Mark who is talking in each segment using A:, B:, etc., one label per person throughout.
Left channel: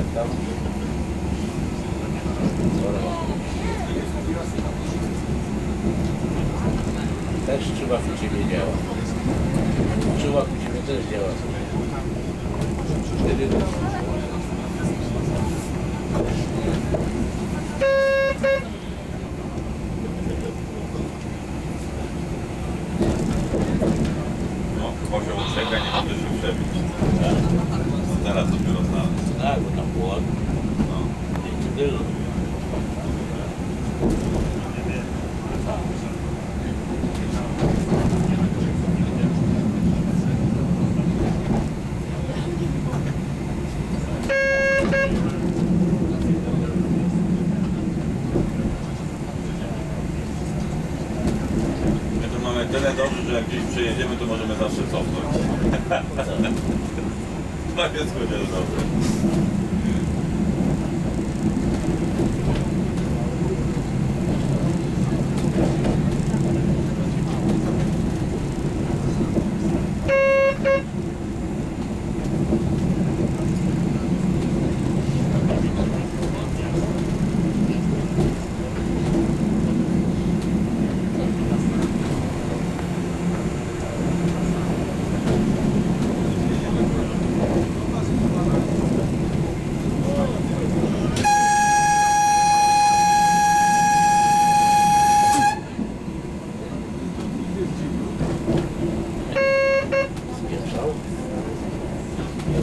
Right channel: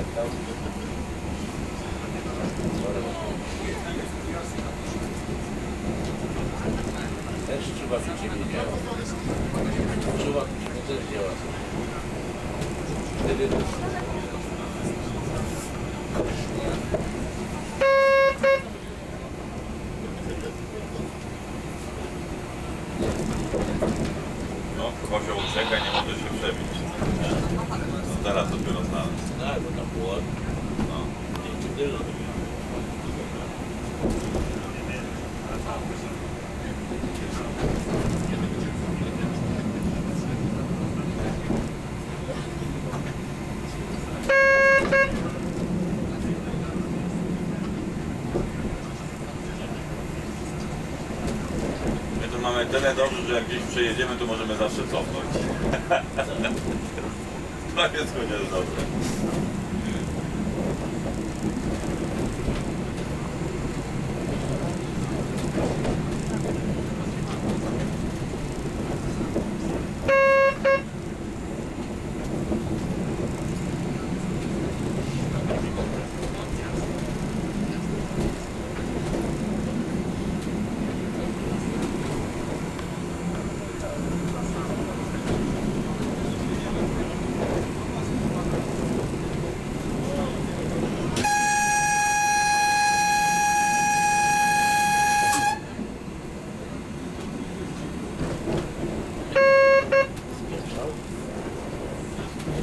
A: jak tam? Też czuwak u Ciebie działa. Czuwak u Ciebie też działa. Wtedy
B: No, kozioł czeka, nie może się przebić. Zaraz dopiero znalazł.
A: tak, bo tam było
B: No.
A: dzięki tylu.
B: My tu mamy tyle dobrze, że jak gdzieś przejedziemy, to możemy zawsze cofnąć. To jest chociaż dobre.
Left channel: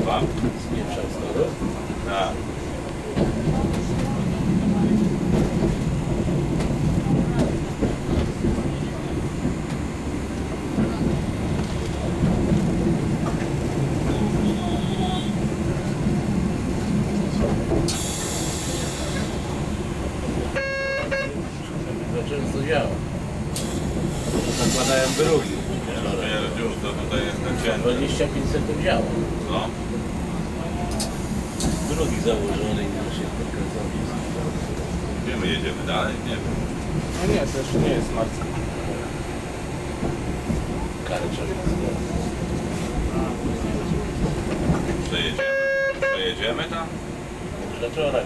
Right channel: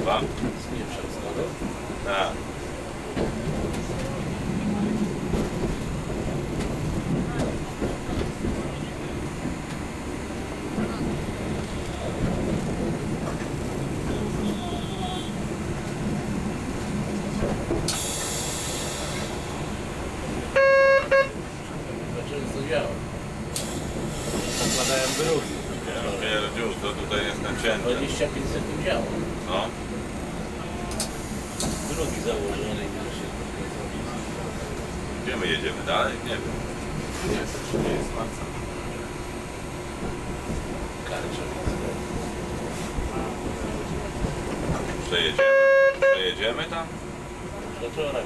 B: Dwa?
A: Spieprzał z tego.
B: Tak.
A: To często działa. Nakładałem drugi.
B: Pierdziu, to tutaj jest ten cięty.
A: 25 sekund działa.
B: No.
A: Drugi założony i już się.
B: Gdzie my jedziemy dalej? Nie wiem.
C: No nie, to jeszcze nie jest bardzo.
A: Karczowiec.
B: Przejedziemy. Przejedziemy tam?
A: Wczoraj.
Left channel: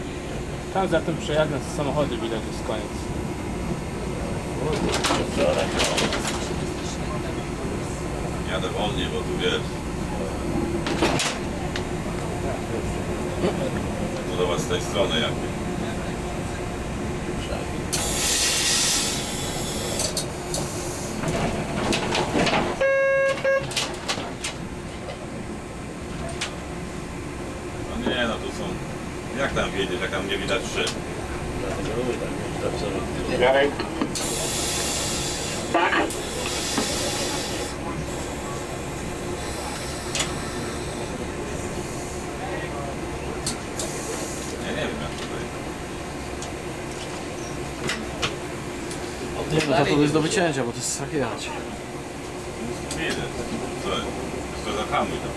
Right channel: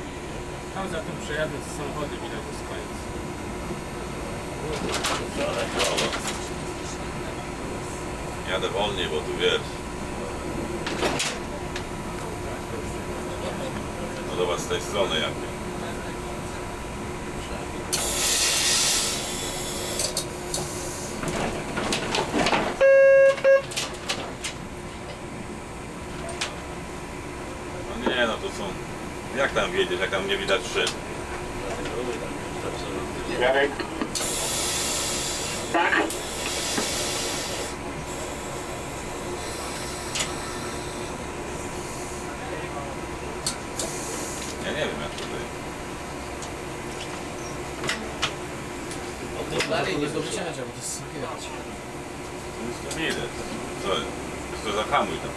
C: Tam za tym przejazdem z samochodem widać to jest koniec.
A: Wczoraj.
B: Jadę wolniej, bo tu wiesz. No zobacz z tej strony jakie. No nie no, to są... Jak tam wiedzieć, jak tam nie widać szyn?
A: Dlatego lubię tam.
D: Jarek. Tak?
B: Nie wiem jak tutaj.
A: O tym dalej nie
E: jest do wycięcia, bo to jest strach jechać.
B: Widać. Co? To zahamuj tam.